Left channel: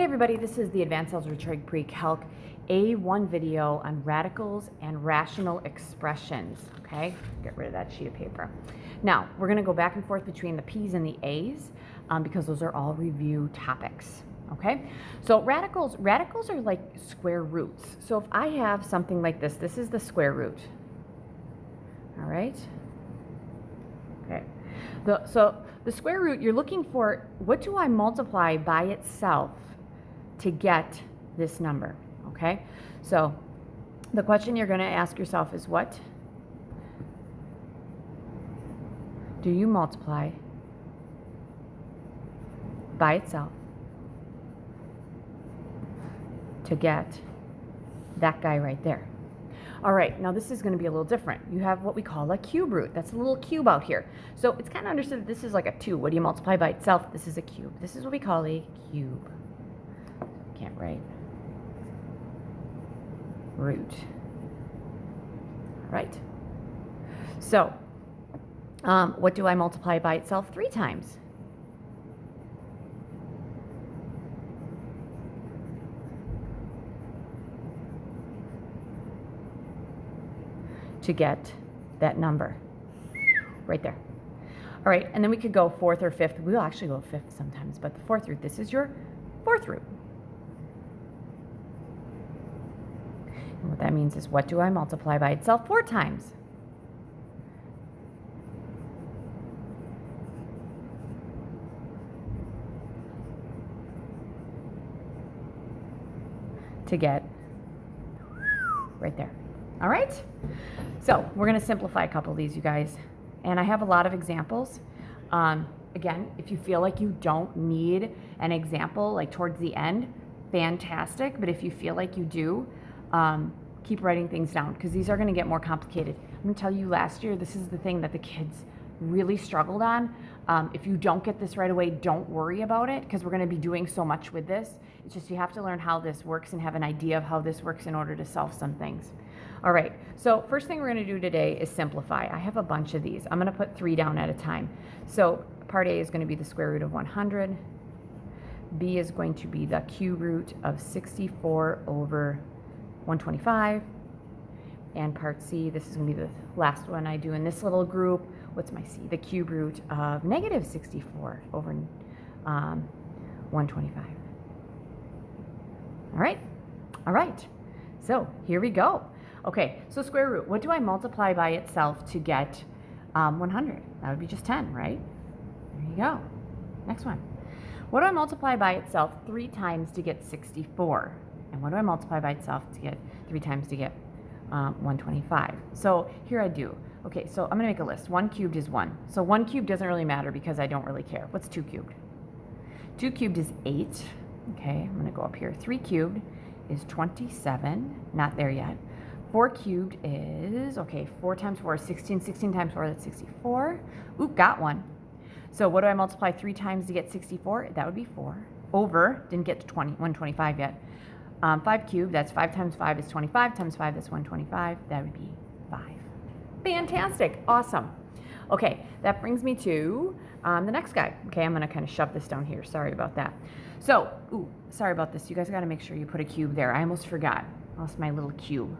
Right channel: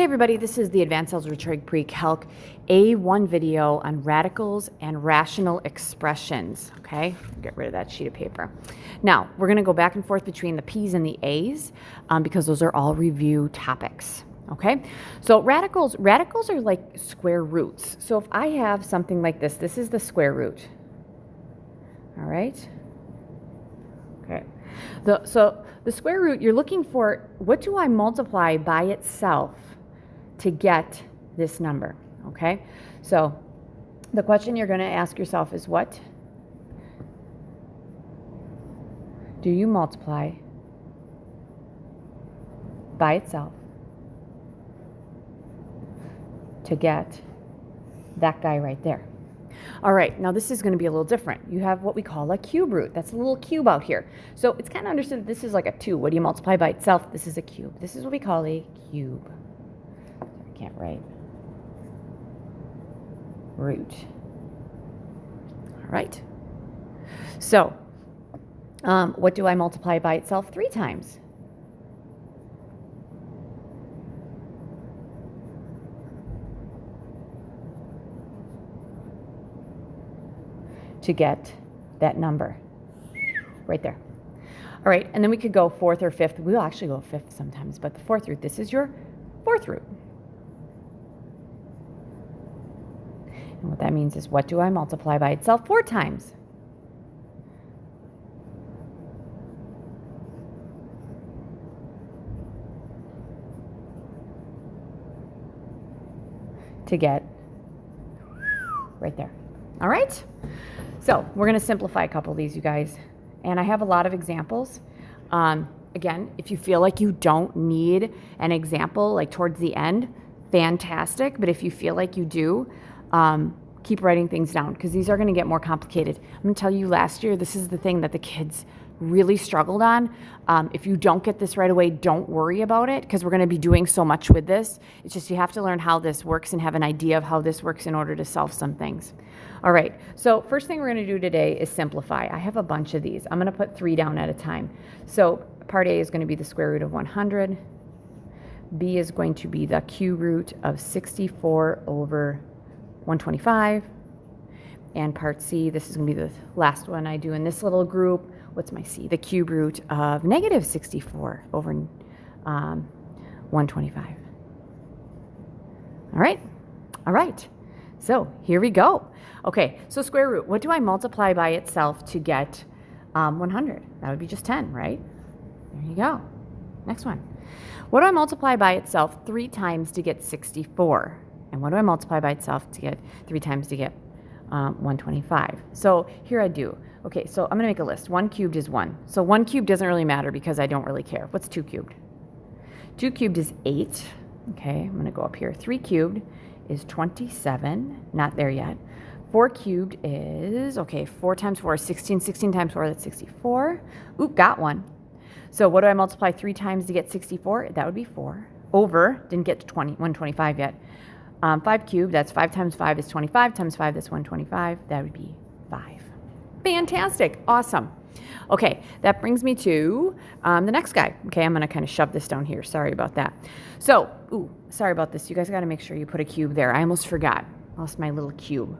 Hey everybody, this is the Advanced Algebra Trig Pre-Calc A1 video on radicals and rational expressions. Okay, get rid of that sheet of paper. Now, we're going to go back and forth between the P's and the A's because those are all review topics. Okay, so radicals are like square roots. So if I have something like this is the square root. All right. Okay, so the square root, you're looking for, what do I multiply by itself to get this number? Okay, so the question you're going to ask yourself is, what do you multiply by itself to get that guy right there? All right, now this is going to be a little different. You have what we call a cube root. That's a little cube out here. So it's kind of understood that this is like a 2. What do you multiply by itself? This is a cube. This is what we call a cube. Can't write. Root. All right. So what do I multiply by itself 3 times? To get that number right there. All right, and then we could go 4th or 5th. We'll actually go 5th sometimes, but the 4th root, this is your 4th root. And what that means is, what do I multiply by itself 4 times? To get right there. All right? So we're going to simplify a couple of these, you guys. And I have a lot of examples. Again, if you feel like you don't need an example like towards the end, fantastic. But if you feel like you do, keep writing things down, because these are going to get more complicated. I'm going to tell you, last year, this is the thing that the kids really struggled on. If you don't get this right away, don't worry about it, because we're going to be doing so much with this. It's just you have to learn how this works and have an idea of how this works in order to solve some things. All right, so first thing we're going to do today is simplify. I have a bunch of these. I'm going to put 3 down at a time. So part A is going to be the square root of 100. B is going to be the cube root of 64 over 125. And part C, this is going to be the last one I do in this little group. What's my C? The cube root of negative 64 over 125. All right? All right. So here we go. Okay, so square root. What do I multiply by itself to get 100? That would be just 10, right? There you go. Next one. What do I multiply by itself 3 times to get 64? And what do I multiply by itself to get 3 times to get 125? So here I do. Okay, so I'm going to make a list. 1 cubed is 1. So 1 cubed doesn't really matter because I don't really care. What's 2 cubed? 2 cubed is 8. Okay, I'm going to go up here. 3 cubed is 27. Not there yet. 4 cubed is, okay, 4 times 4 is 16. 16 times 4, that's 64. Oop, got one. So what do I multiply 3 times to get 64? That would be 4. Over, didn't get to 125 yet. 5 cubed, that's 5 times 5 is 25. Times 5, that's 125. That would be 5. Fantastic. Awesome. Okay, that brings me to the next guy. Okay, I'm going to kind of shove this down here. Sorry about that. So, sorry about this. You guys got to make sure you put a cube there. I almost forgot. I lost my little cube.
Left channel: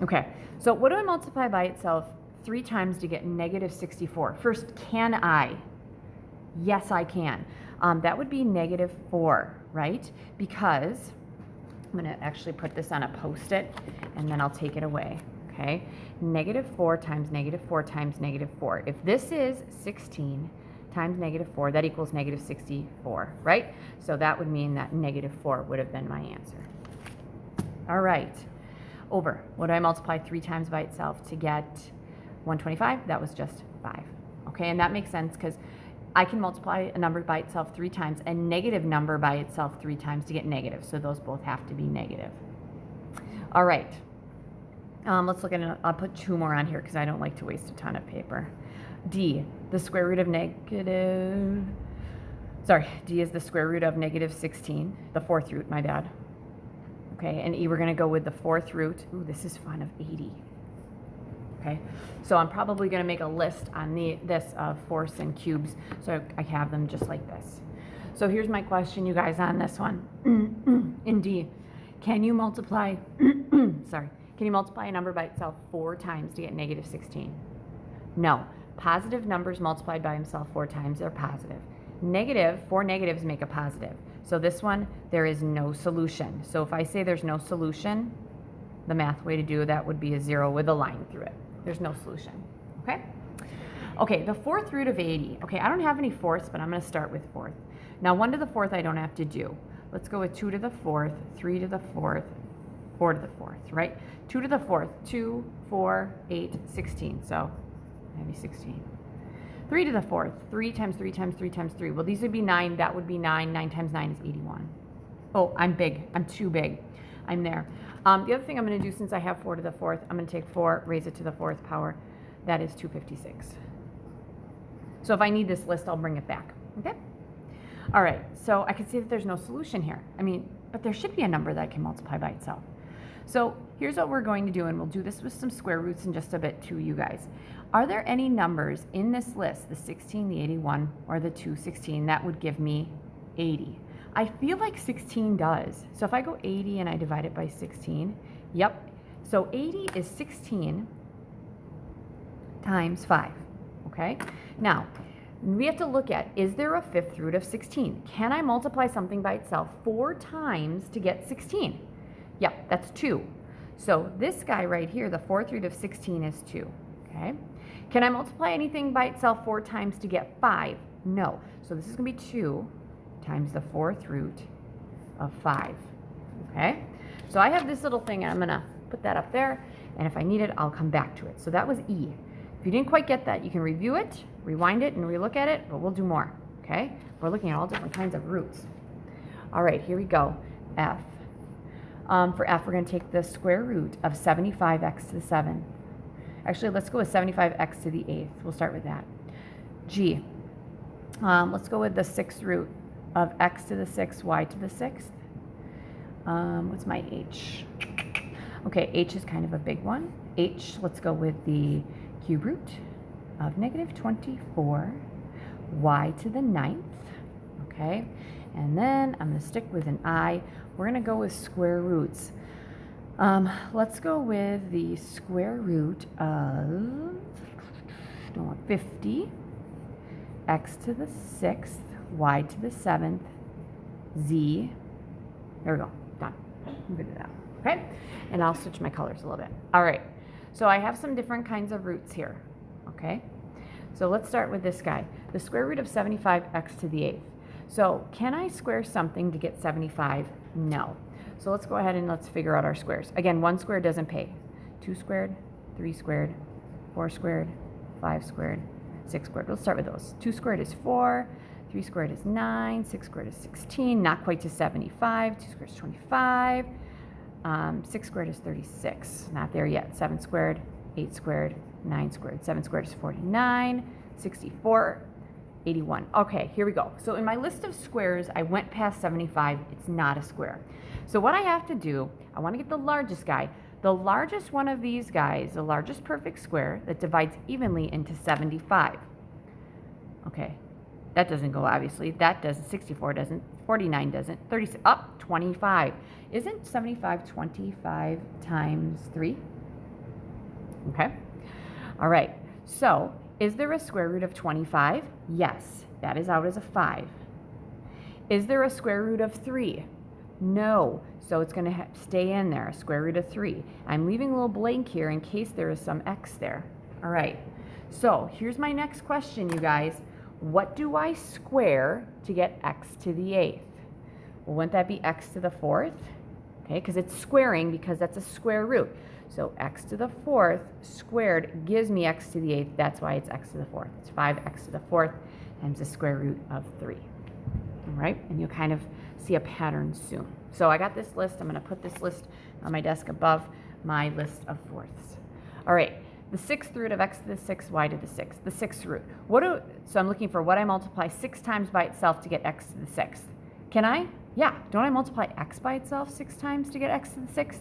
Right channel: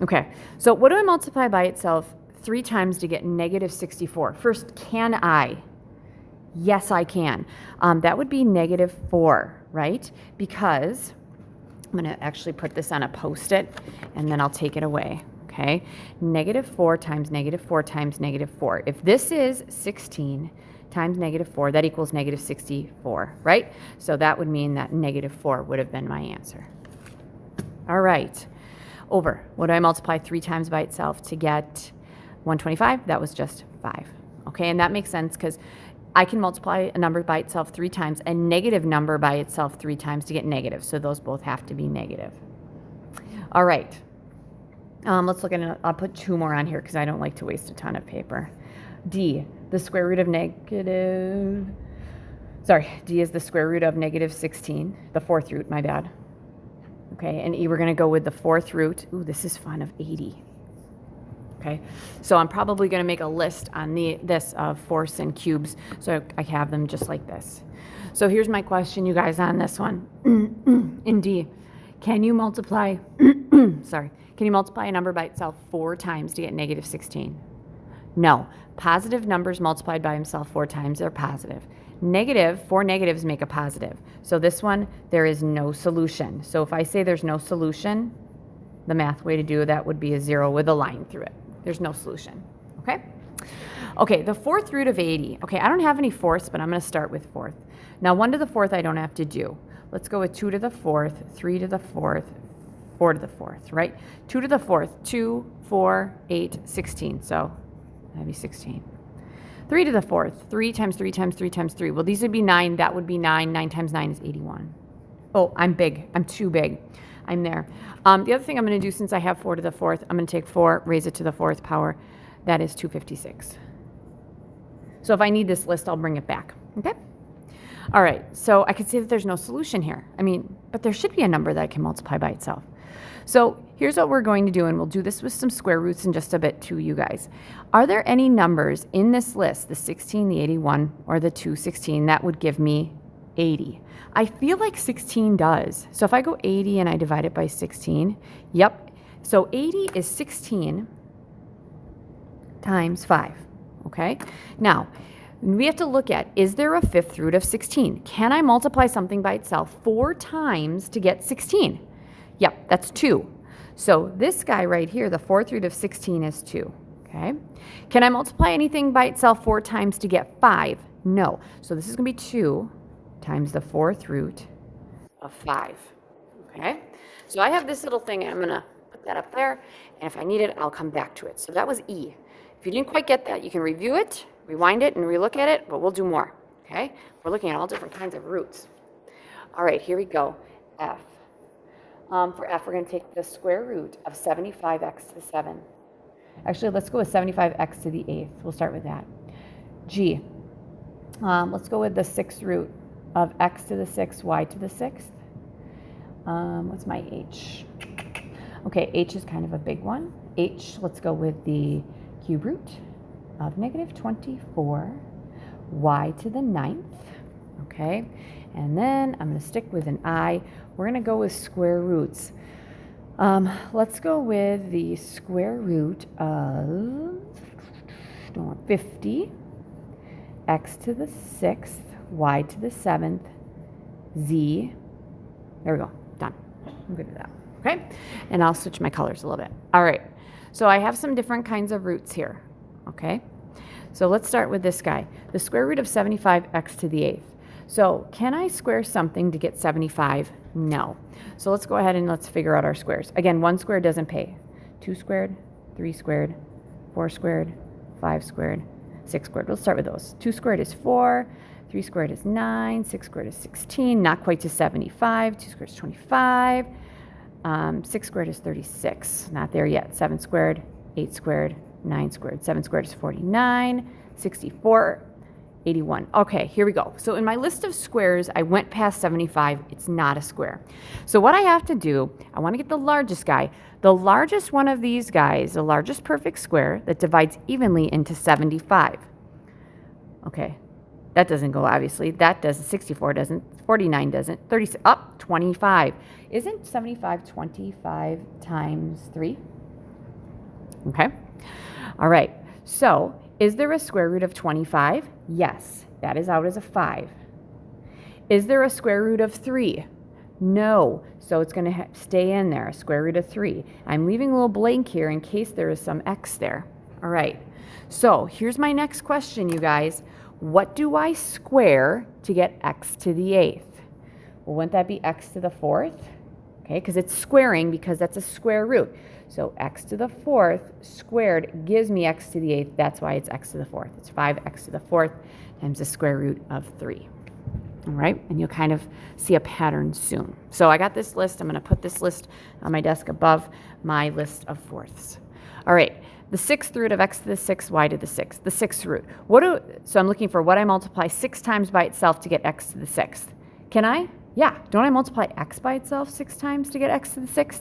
Okay, so what do I multiply by itself 3 times to get negative 64? First, can I? Yes, I can. That would be negative 4, right? Because I'm going to actually put this on a Post-it, and then I'll take it away. Okay, negative 4 times negative 4 times negative 4. If this is 16 times negative 4, that equals negative 64, right? So that would mean that negative 4 would have been my answer. All right. Over. What do I multiply 3 times by itself to get 125? That was just 5. Okay, and that makes sense because I can multiply a number by itself 3 times, a negative number by itself 3 times to get negative. So those both have to be negative. All right. Let's look at it. I'll put 2 more on here because I don't like to waste a ton of paper. D, the square root of negative, D is the square root of negative 16, the 4th root, my bad. Okay, and E, we're going to go with the 4th root. Ooh, this is fun, of 80. Okay, so I'm probably going to make a list on this of fourths and cubes, so I have them just like this. So here's my question, you guys, on this one. In D, can you multiply, sorry, can you multiply a number by itself 4 times to get negative 16? No. Positive numbers multiplied by themselves 4 times are positive. Negative, 4 negatives make a positive. So this one, there is no solution. So if I say there's no solution, the math way to do that would be a 0 with a line through it. There's no solution, okay? Okay, the 4th root of 80. Okay, I don't have any fourths, but I'm going to start with 4th. Now, 1 to the 4th I don't have to do. Let's go with 2 to the 4th, 3 to the 4th, 4 to the 4th, right? 2 to the 4th, 2, 4, 8, 16. So that'd be 16. 3 to the 4th, 3 times 3 times 3 times 3. Well, these would be 9. That would be 9. 9 times 9 is 81. Oh, I'm big. I'm too big. I'm there. The other thing I'm going to do, since I have 4 to the 4th, I'm going to take 4, raise it to the 4th power. That is 256. So if I need this list, I'll bring it back. Okay? All right. So I could say that there's no solution here. I mean, but there should be a number that I can multiply by itself. So here's what we're going to do, and we'll do this with some square roots in just a bit too, you guys. Are there any numbers in this list, the 16, the 81, or the 216, that would give me 80? I feel like 16 does. So if I go 80 and I divide it by 16, yep. So 80 is 16 times 5, okay? Now, we have to look at, is there a 5th root of 16? Can I multiply something by itself 4 times to get 16? Yep, that's 2. So this guy right here, the 4th root of 16 is 2, okay? Can I multiply anything by itself 4 times to get 5? No. So this is going to be 2 times the 4th root of 5, okay? So I have this little thing, and I'm going to put that up there, and if I need it, I'll come back to it. So that was E. If you didn't quite get that, you can review it, rewind it, and relook at it, but we'll do more, okay? We're looking at all different kinds of roots. All right, here we go. F. For F, we're going to take the square root of 75x to the 7. Actually, let's go with 75x to the 8th. We'll start with that. G. Let's go with the 6th root of x to the 6th, y to the 6th. What's my H? Okay, H is kind of a big one. H, let's go with the cube root of negative 24, y to the 9th. Okay, and then I'm going to stick with an I. We're going to go with square roots. Let's go with the square root of 50, x to the 6th, y to the 7th, z. There we go. Done. I'm good with that. Okay? And I'll switch my colors a little bit. All right. So I have some different kinds of roots here. Okay? So let's start with this guy. The square root of 75x to the 8th. So can I square something to get 75? No. So let's go ahead and let's figure out our squares. Again, 1 squared doesn't pay. 2 squared, 3 squared, 4 squared, 5 squared, 6 squared. We'll start with those. 2 squared is 4, 3 squared is 9, 6 squared is 16, not quite to 75. 2 squared is 25, 6 squared is 36, not there yet. 7 squared, 8 squared, 9 squared. 7 squared is 49, 64, 81. Okay, here we go. So in my list of squares, I went past 75. It's not a square. So what I have to do, I want to get the largest guy. The largest one of these guys, the largest perfect square that divides evenly into 75. Okay, that doesn't go, obviously. That doesn't. 64 doesn't. 49 doesn't. 36, 25. Isn't 75 25 times 3? Okay. All right. So is there a square root of 25? Yes. That is out as a 5. Is there a square root of 3? No. So it's going to stay in there, a square root of 3. I'm leaving a little blank here in case there is some x there. All right. So here's my next question, you guys. What do I square to get x to the 8th? Well, wouldn't that be x to the 4th? Okay, because it's squaring because that's a square root. So x to the 4th squared gives me x to the 8th. That's why it's x to the 4th. It's 5x to the 4th times the square root of 3. All right, and you'll kind of see a pattern soon. So I got this list. I'm going to put this list on my desk above my list of fourths. All right, the 6th root of x to the 6th, y to the 6th. The 6th root. So I'm looking for what I multiply 6 times by itself to get x to the 6th. Can I? Yeah. Don't I multiply x by itself 6 times to get x to the 6th?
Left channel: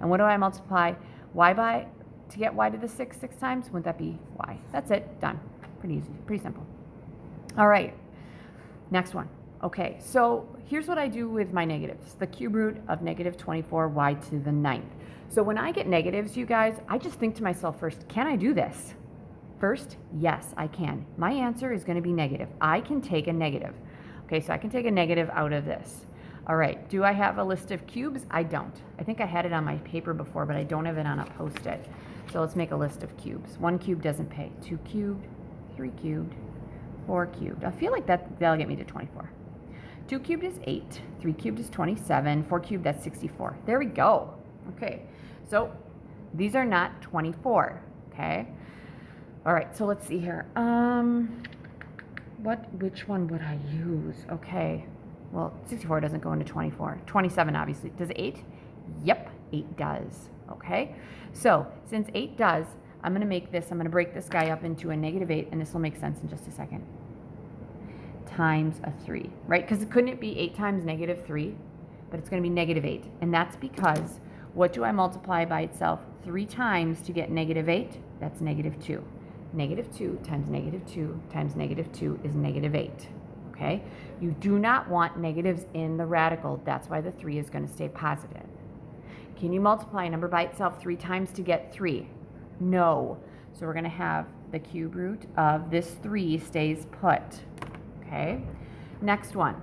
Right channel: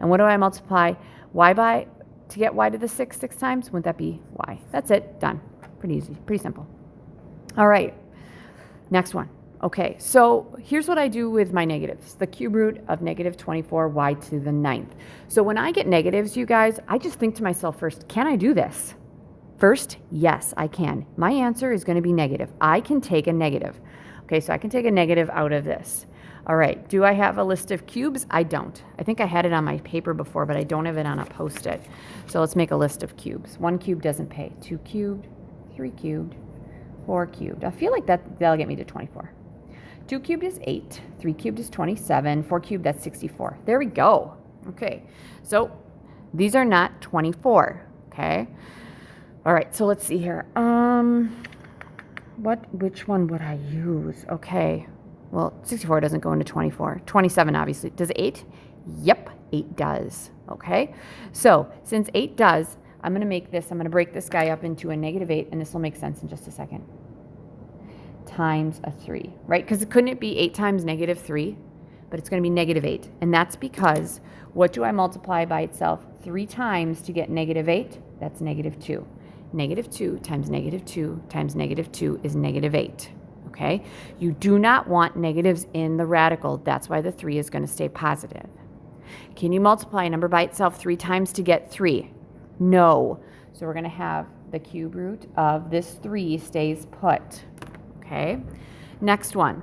And what do I multiply y by to get y to the 6th 6 times? Wouldn't that be y? That's it. Done. Pretty easy. Pretty simple. All right. Next one. Okay, so here's what I do with my negatives. The cube root of negative 24y to the 9th. So when I get negatives, you guys, I just think to myself first, can I do this? First, yes, I can. My answer is going to be negative. I can take a negative. Okay, so I can take a negative out of this. All right, do I have a list of cubes? I don't. I think I had it on my paper before, but I don't have it on a Post-it. So let's make a list of cubes. 1 cube doesn't pay. 2 cubed, 3 cubed, 4 cubed. I feel like that'll get me to 24. 2 cubed is 8, 3 cubed is 27, 4 cubed, that's 64. There we go. Okay, so these are not 24, okay? All right, so let's see here. Which one would I use? Okay, well, 64 doesn't go into 24. 27, obviously. Does 8? Yep, 8 does, okay? So since 8 does, I'm going to break this guy up into a -8, and this will make sense in just a second. Times a 3, right? Because couldn't it be 8 times -3? But it's going to be -8. And that's because what do I multiply by itself 3 times to get -8? That's -2. -2 times -2 times -2 is -8. Okay? You do not want negatives in the radical. That's why the 3 is going to stay positive. Can you multiply a number by itself 3 times to get 3? No. So we're going to have the cube root of this 3 stays put. Okay, next one.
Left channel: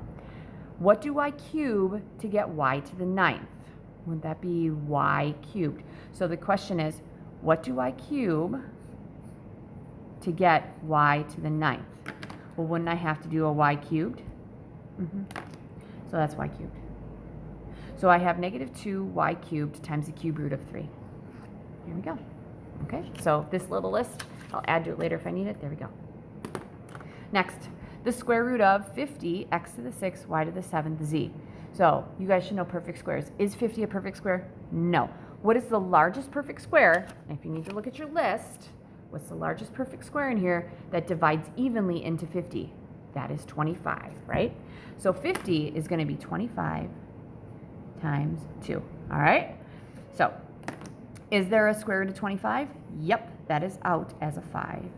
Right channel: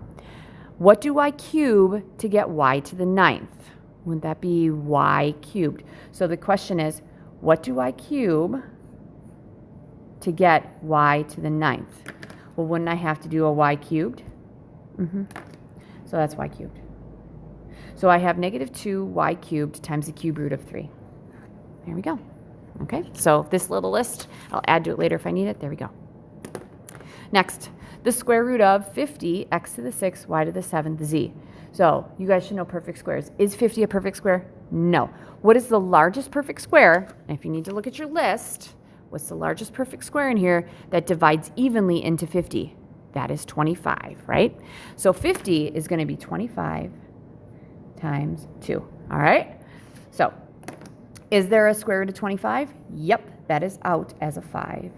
What do I cube to get y to the 9th? Wouldn't that be y cubed? So the question is, what do I cube to get y to the 9th? Well, wouldn't I have to do a y cubed? So that's y cubed. So I have -2y cubed times the cube root of 3. There we go. Okay, so this little list, I'll add to it later if I need it. There we go. Next, the square root of 50, x to the 6th, y to the 7th, z. So you guys should know perfect squares. Is 50 a perfect square? No. What is the largest perfect square? And if you need to look at your list, what's the largest perfect square in here that divides evenly into 50? That is 25, right? So 50 is going to be 25 times 2, all right? So is there a square root of 25? Yep, that is out as a 5.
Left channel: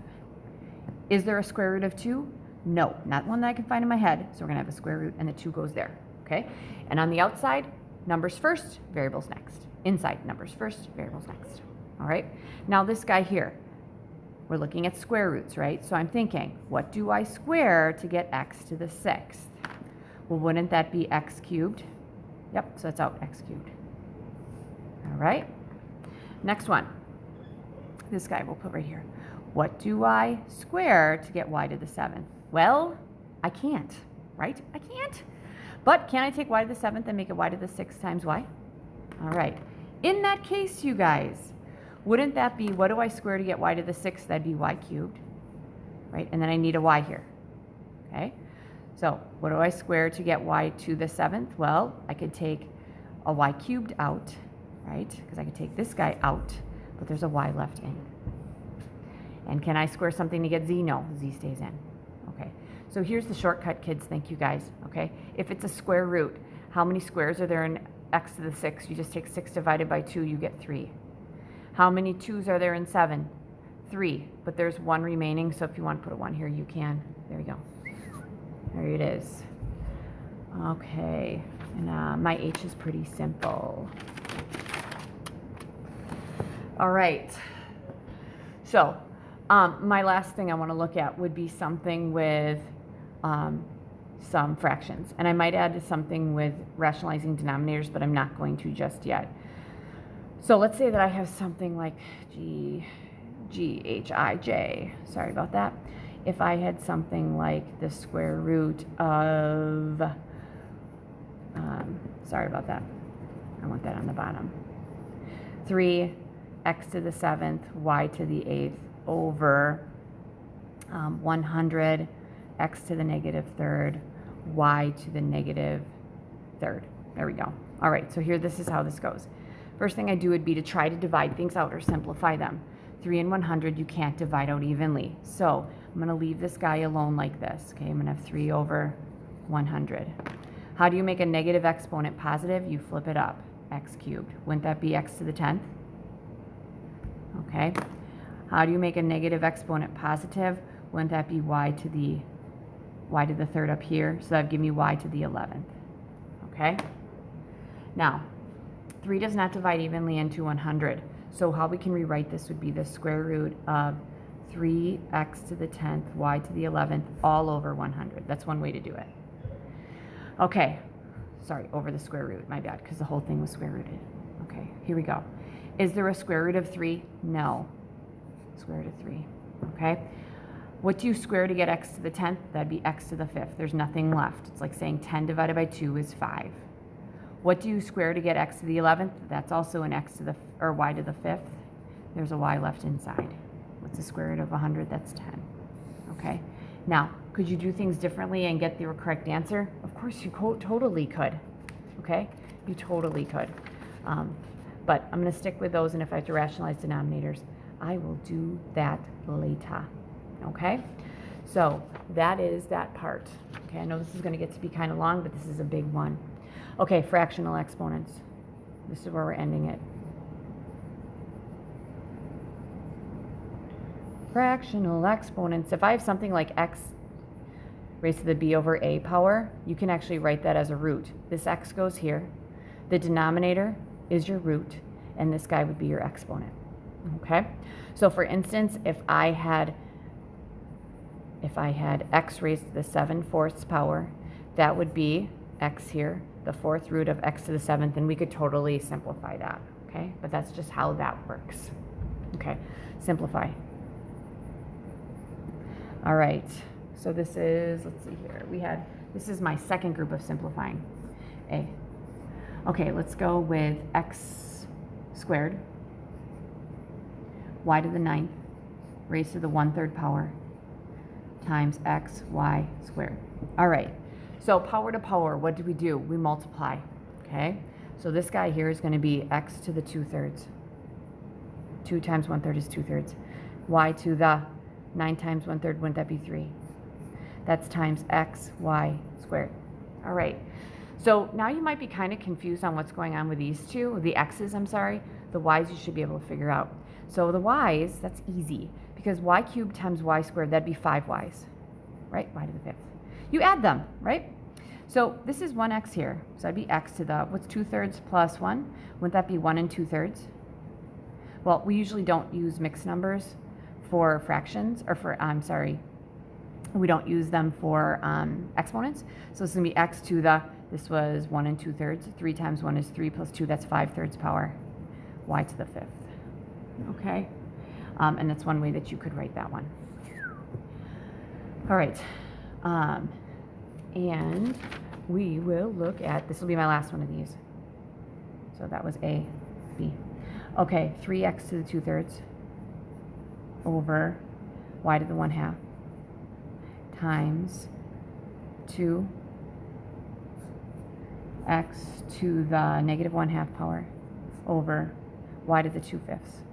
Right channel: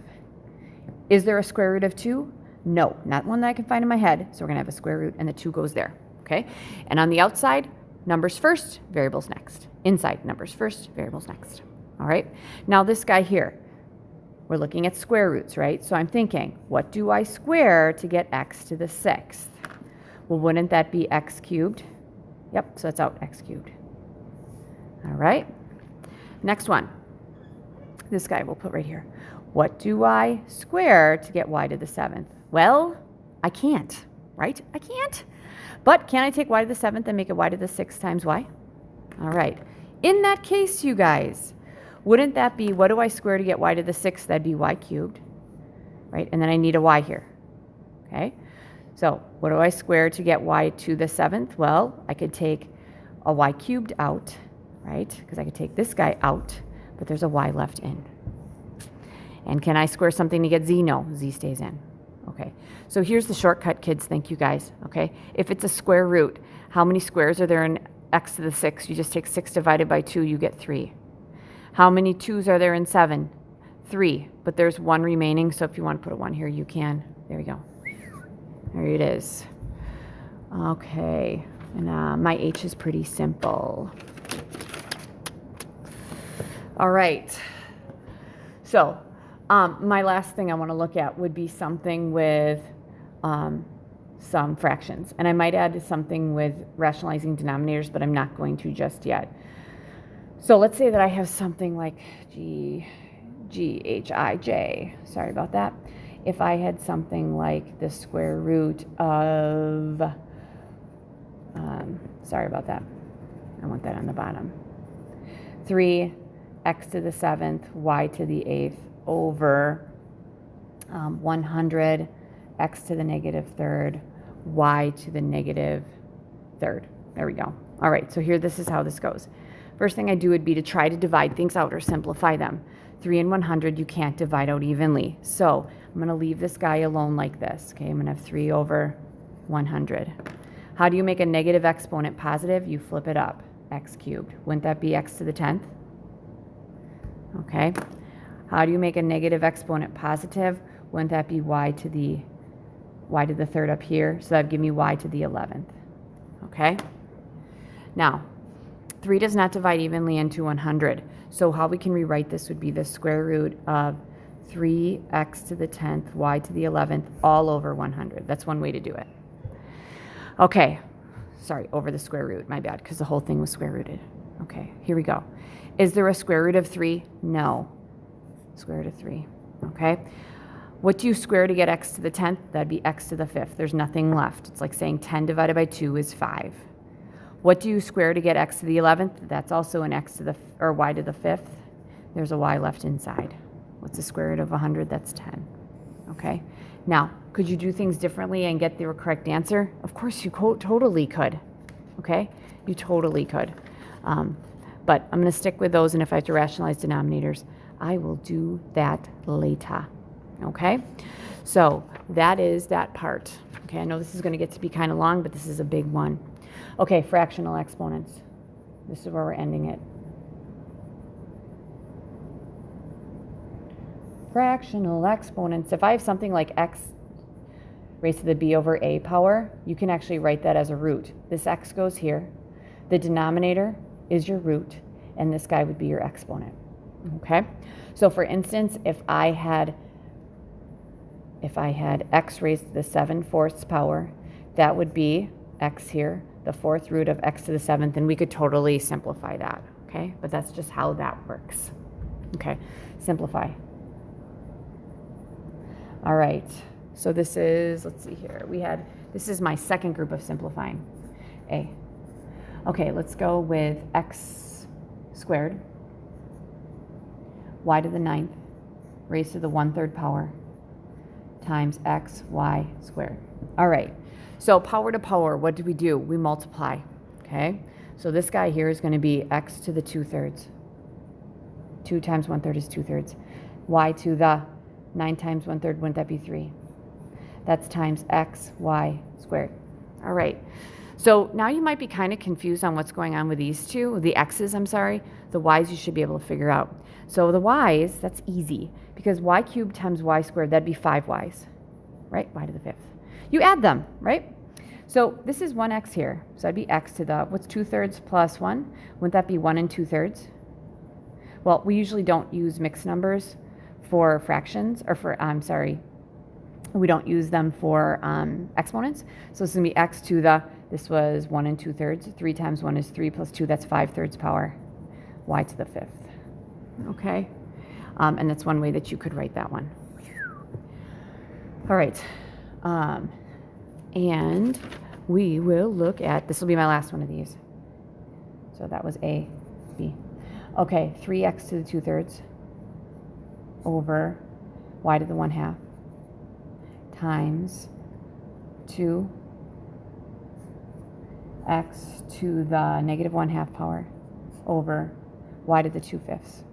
Is there a square root of 2? No, not one that I can find in my head. So we're going to have a square root, and the 2 goes there, okay? And on the outside, numbers first, variables next. Inside, numbers first, variables next, all right? Now this guy here, we're looking at square roots, right? So I'm thinking, what do I square to get x to the 6th? Well, wouldn't that be x cubed? Yep, so that's out, x cubed. All right, next one. This guy we'll put right here. What do I square to get y to the 7th? Well, I can't, right? I can't. But can I take y to the 7th and make it y to the 6th times y? All right. In that case, you guys, wouldn't that be, what do I square to get y to the 6th? That'd be y cubed, right? And then I need a y here, okay? So what do I square to get y to the 7th? Well, I could take a y cubed out, right? Because I could take this guy out, but there's a y left in. And can I square something to get z? No, z stays in. Okay, so here's the shortcut, kids. Thank you, guys. Okay, if it's a square root, how many squares are there in x to the 6th? You just take 6 divided by 2, you get 3. How many 2's are there in 7? 3, but there's 1 remaining, so if you want to put a 1 here, you can. There you go. There it is. Okay, and my h is pretty simple. All right, so my last thing I want to look at would be something with some fractions. And I might add something with rationalizing denominators, but I'm not going to just yet. So let's say that I have something like GHIJ. Sorry about that. If I had something like the square root of, sorry about that. I want that on the bottom. 3 x to the 7th, y to the 8th, over 100 x to the -3rd, y to the -3rd. There we go. All right, so here, this is how this goes. First thing I do would be to try to divide things out or simplify them. 3 and 100 you can't divide out evenly. So I'm going to leave this guy alone like this. Okay, I'm going to have 3 over 100. How do you make a negative exponent positive? You flip it up, x cubed. Wouldn't that be x to the 10th? Okay. How do you make a negative exponent positive? Wouldn't that be y to the y to the third up here, so that would give me y to the 11th. Okay? Now, 3 does not divide evenly into 100. So how we can rewrite this would be the square root of 3x to the 10th, y to the 11th, all over 100. That's one way to do it. Okay. Sorry, over the square root. My bad, because the whole thing was square rooted. Okay, here we go. Is there a square root of 3? No. Square root of 3. Okay. What do you square to get x to the 10th? That'd be x to the 5th. There's nothing left. It's like saying 10 divided by 2 is 5. What do you square to get x to the 11th? That's also an x to the, or y to the 5th. There's a y left inside. What's the square root of 100? That's 10. Okay. Now, could you do things differently and get the correct answer? Of course, you totally could. Okay? You totally could. But I'm going to stick with those, and if I have to rationalize denominators, I will do that later. Okay? So that is that part. Okay, I know this is going to get to be kind of long, but this is a big one. Okay, fractional exponents. This is where we're ending it. Fractional exponents. If I have something like x raised to the b over a power, you can actually write that as a root. This x goes here. The denominator is your root, and this guy would be your exponent. Okay? So for instance, if I had x raised to the 7/4 power, that would be x here, the 4th root of x to the 7th, and we could totally simplify that, okay? But that's just how that works. Okay, simplify. All right, so this is, let's see here, this is my second group of simplifying, a. Okay, let's go with x squared, y to the 9th, raised to the 1/3 power, times x, y squared. All right, so power to power, what do? We multiply, okay? So this guy here is going to be x to the 2/3. 2 times 1/3 is 2/3. Y to the 9 times 1/3, wouldn't that be 3? That's times x, y squared. All right, so now you might be kind of confused on what's going on with these two, the x's, I'm sorry. The y's you should be able to figure out. So the y's, that's easy, because y cubed times y squared, that'd be 5y's, right? Y to the 5th. You add them, right? So this is 1x here. So that'd be x to the, what's 2/3 plus 1? Wouldn't that be 1 2/3? Well, we usually don't use mixed numbers for fractions, or for, I'm sorry, we don't use them for exponents. So it's going to be x to the, this was 1 2/3. 3 times 1 is 3 plus 2, that's 5/3 power. Y to the 5th. Okay? And that's one way that you could write that one. All right. And we will look at, this will be my last one of these. So that was A, B. Okay, 3x to the 2/3 over y to the 1/2 times 2x to the negative 1/2 power over y to the 2/5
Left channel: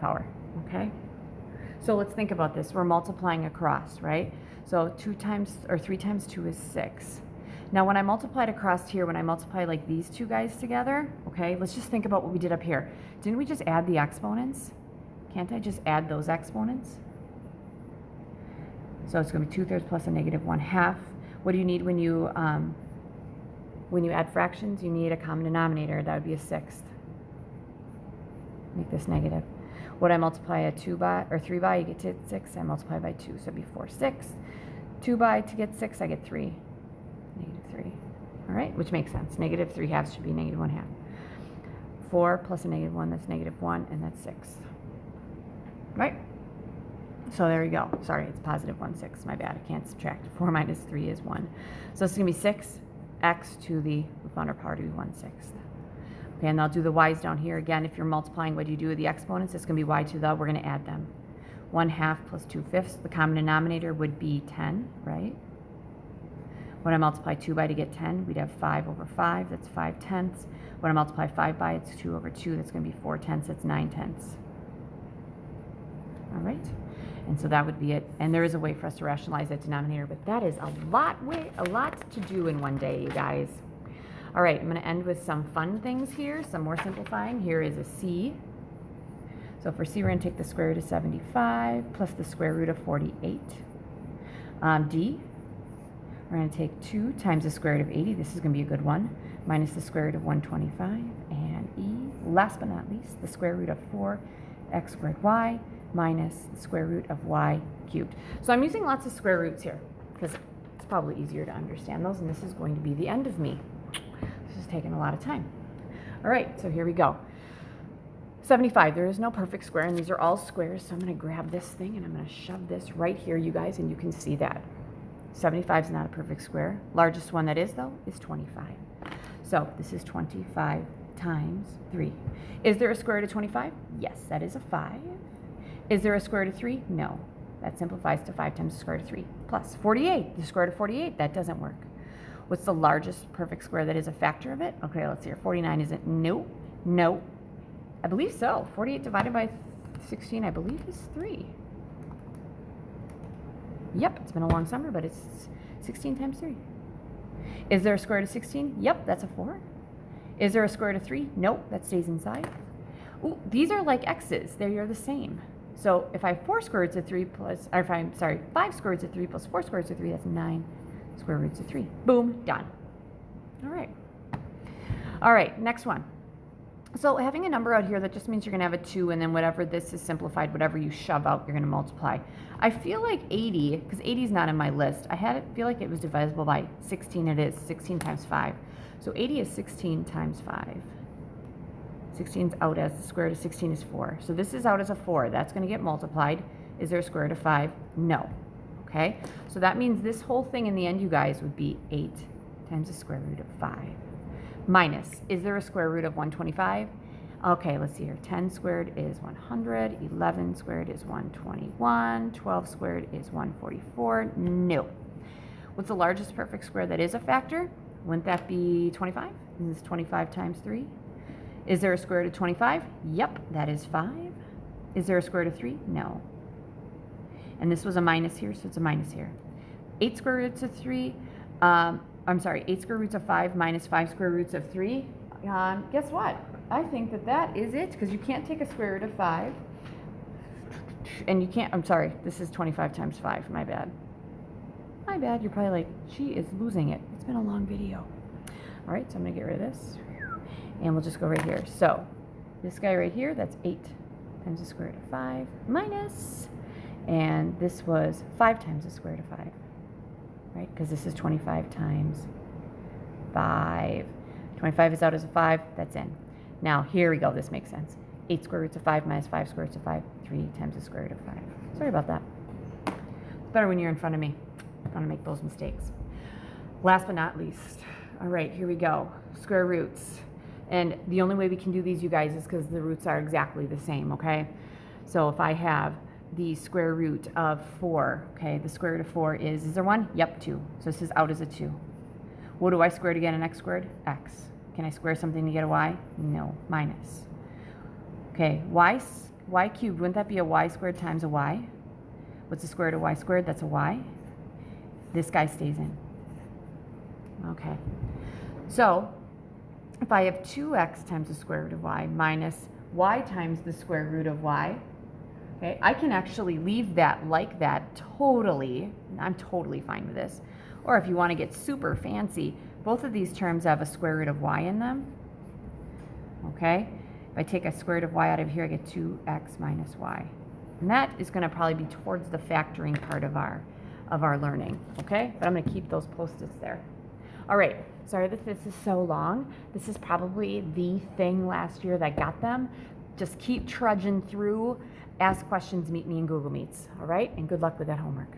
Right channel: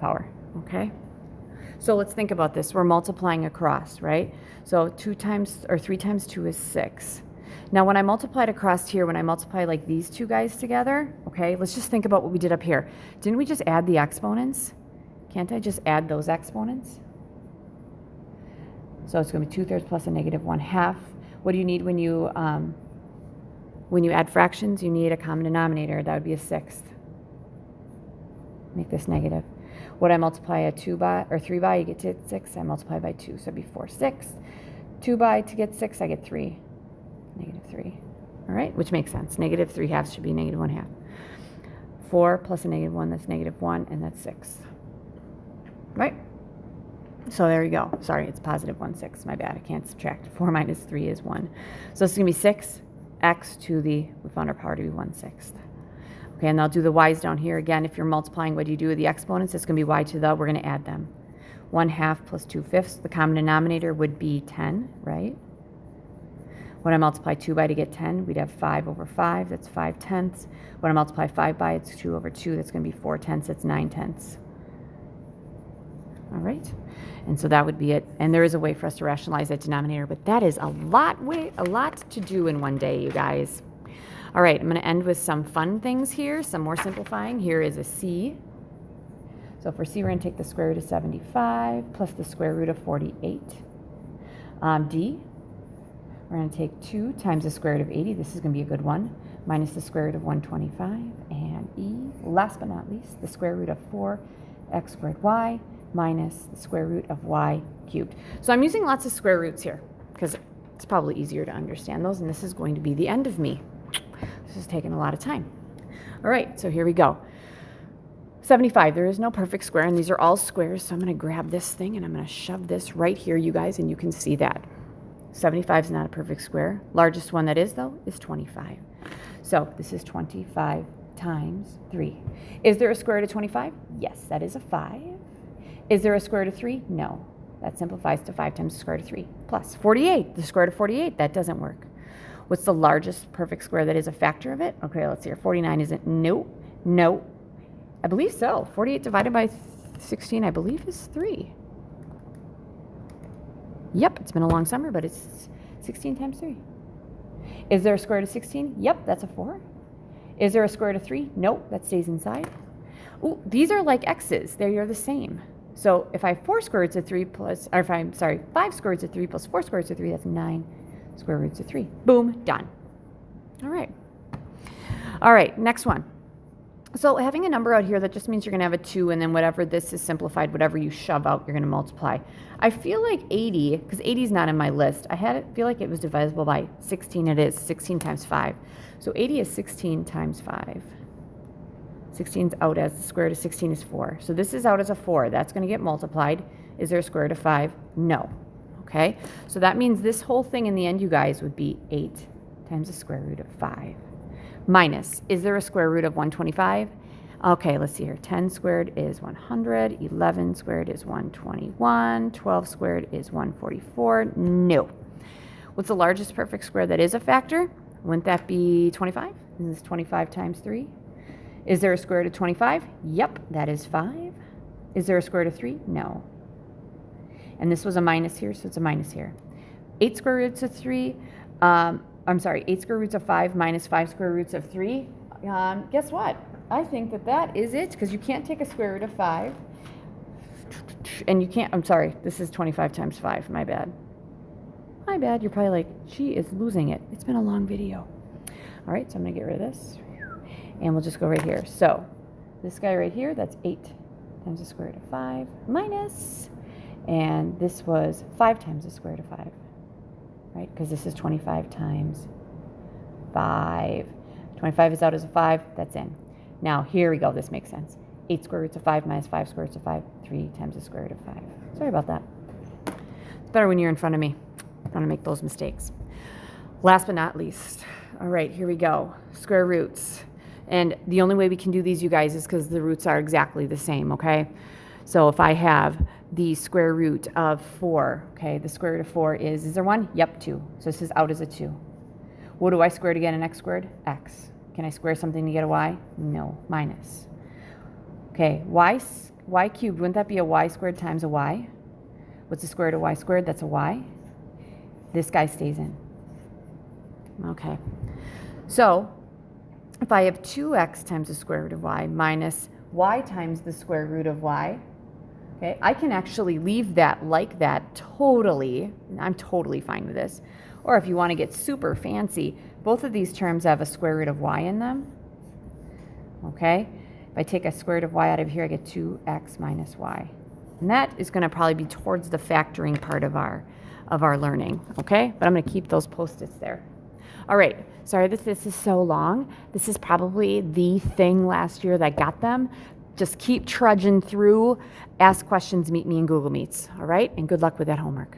power, okay? So let's think about this. We're multiplying across, right? So 3 times 2 is 6. Now when I multiplied across here, when I multiply like these two guys together, okay, let's just think about what we did up here. Didn't we just add the exponents? Can't I just add those exponents? So it's going to be 2/3 plus a negative 1/2. What do you need when you add fractions? You need a common denominator. That would be a 1/6. Make this negative. What I multiply a 2 by, or 3 by, you get to 6. I multiply by 2, so it'd be 4/6. 2 by to get 6, I get 3. Negative 3. All right, which makes sense. Negative 3/2 should be negative 1/2. 4 plus a negative 1, that's negative 1, and that's 6. Right? So there you go. Sorry, it's positive 1/6. My bad. I can't subtract. 4 minus 3 is 1. So it's going to be 6x to the, we found our power to be 1/6. Okay, and I'll do the y's down here. Again, if you're multiplying, what do you do with the exponents? It's going to be y to the, we're going to add them. 1/2 plus 2/5. The common denominator would be 10, right? When I multiply 2 by to get 10, we'd have 5 over 5. That's 5/10. When I multiply 5 by, it's 2 over 2. That's going to be 4/10. That's 9/10. All right. And so that would be it. And there is a way for us to rationalize that denominator, but that is a lot to do in one day, you guys. All right, I'm going to end with some fun things here, some more simplifying. Here is a C. So for C, we're going to take the square root of 75 plus the square root of 48. D, we're going to take 2 times the square root of 80. This is going to be a good one. Minus the square root of 125. And E, last but not least, the square root of 4x squared y minus the square root of y cubed. So I'm using lots of square roots here because it's probably easier to understand those. And this is going to be the end of me. This is taking a lot of time. All right, so here we go. 75, there is no perfect square, and these are all squares, so I'm going to grab this thing and I'm going to shove this right here, you guys, and you can see that. 75 is not a perfect square. Largest one that is, though, is 25. So this is 25 times 3. Is there a square root of 25? Yes, that is a 5. Is there a square root of 3? No. That simplifies to 5 times the square root of 3 plus 48. The square root of 48, that doesn't work. What's the largest perfect square that is a factor of it? Okay, let's see here. 49 isn't. No. No. I believe so. 48 divided by 16, I believe, is 3. Yep, it's been a long summer, but it's 16 times 3. Is there a square root of 16? Yep, that's a 4. Is there a square root of 3? Nope, that stays inside. Ooh, these are like x's. They are the same. So if I have 4 square roots of 3 plus, or if I'm, sorry, 5 square roots of 3 plus 4 square roots of 3, that's 9 square roots of 3. Boom, done. All right. All right, next one. So having a number out here, that just means you're going to have a 2, and then whatever this is simplified, whatever you shove out, you're going to multiply. I feel like 80, because 80 is not in my list, feel like it was divisible by 16. It is 16 times 5. So 80 is 16 times 5. 16 is out as the square root of 16 is 4. So this is out as a 4. That's going to get multiplied. Is there a square root of 5? No. Okay? So that means this whole thing in the end, you guys, would be 8 times the square root of 5. Minus, is there a square root of 125? Okay, let's see here. 10 squared is 100. 11 squared is 121. 12 squared is 144. No. What's the largest perfect square that is a factor? Wouldn't that be 25? This is 25 times 3. Is there a square root of 25? Yep, that is 5. Is there a square root of 3? No. And this was a minus here, so it's a minus here. 8 square roots of 3. 8 square roots of 5 minus 5 square roots of 3. Guess what? I think that is it, because you can't take a square root of 5. And you can't, this is 25 times 5. My bad. My bad. You're probably like, she is losing it. It's been a long video. All right, so I'm going to get rid of this. And we'll just go right here. So this guy right here, that's 8 times the square root of 5 minus. And this was 5 times the square root of 5. Right? Because this is 25 times 5. 25 is out as a 5. That's in. Now, here we go. This makes sense. 8 square roots of 5 minus 5 square roots of 5. 3 times the square root of 5. Sorry about that. It's better when you're in front of me. I don't want to make those mistakes. Last but not least. All right, here we go. Square roots. And the only way we can do these, you guys, is because the roots are exactly the same, okay? So if I have the square root of 4, okay, the square root of 4 is there 1? Yep, 2. So this is out as a 2. What do I square to get an x squared? X. Can I square something to get a y? No, minus. Okay, y cubed, wouldn't that be a y squared times a y? What's the square root of y squared? That's a y. This guy stays in. Okay. So if I have 2x times the square root of y minus y times the square root of y, okay, I can actually leave that like that totally. I'm totally fine with this. Or if you want to get super fancy, both of these terms have a square root of y in them. Okay? If I take a square root of y out of here, I get 2x minus y. And that is going to probably be towards the factoring part of our learning. Okay? But I'm going to keep those post-its there. All right. Sorry that this is so long. This is probably the thing last year that got them. Just keep trudging through. Ask questions. Meet me in Google Meets. All right? And good luck with that homework.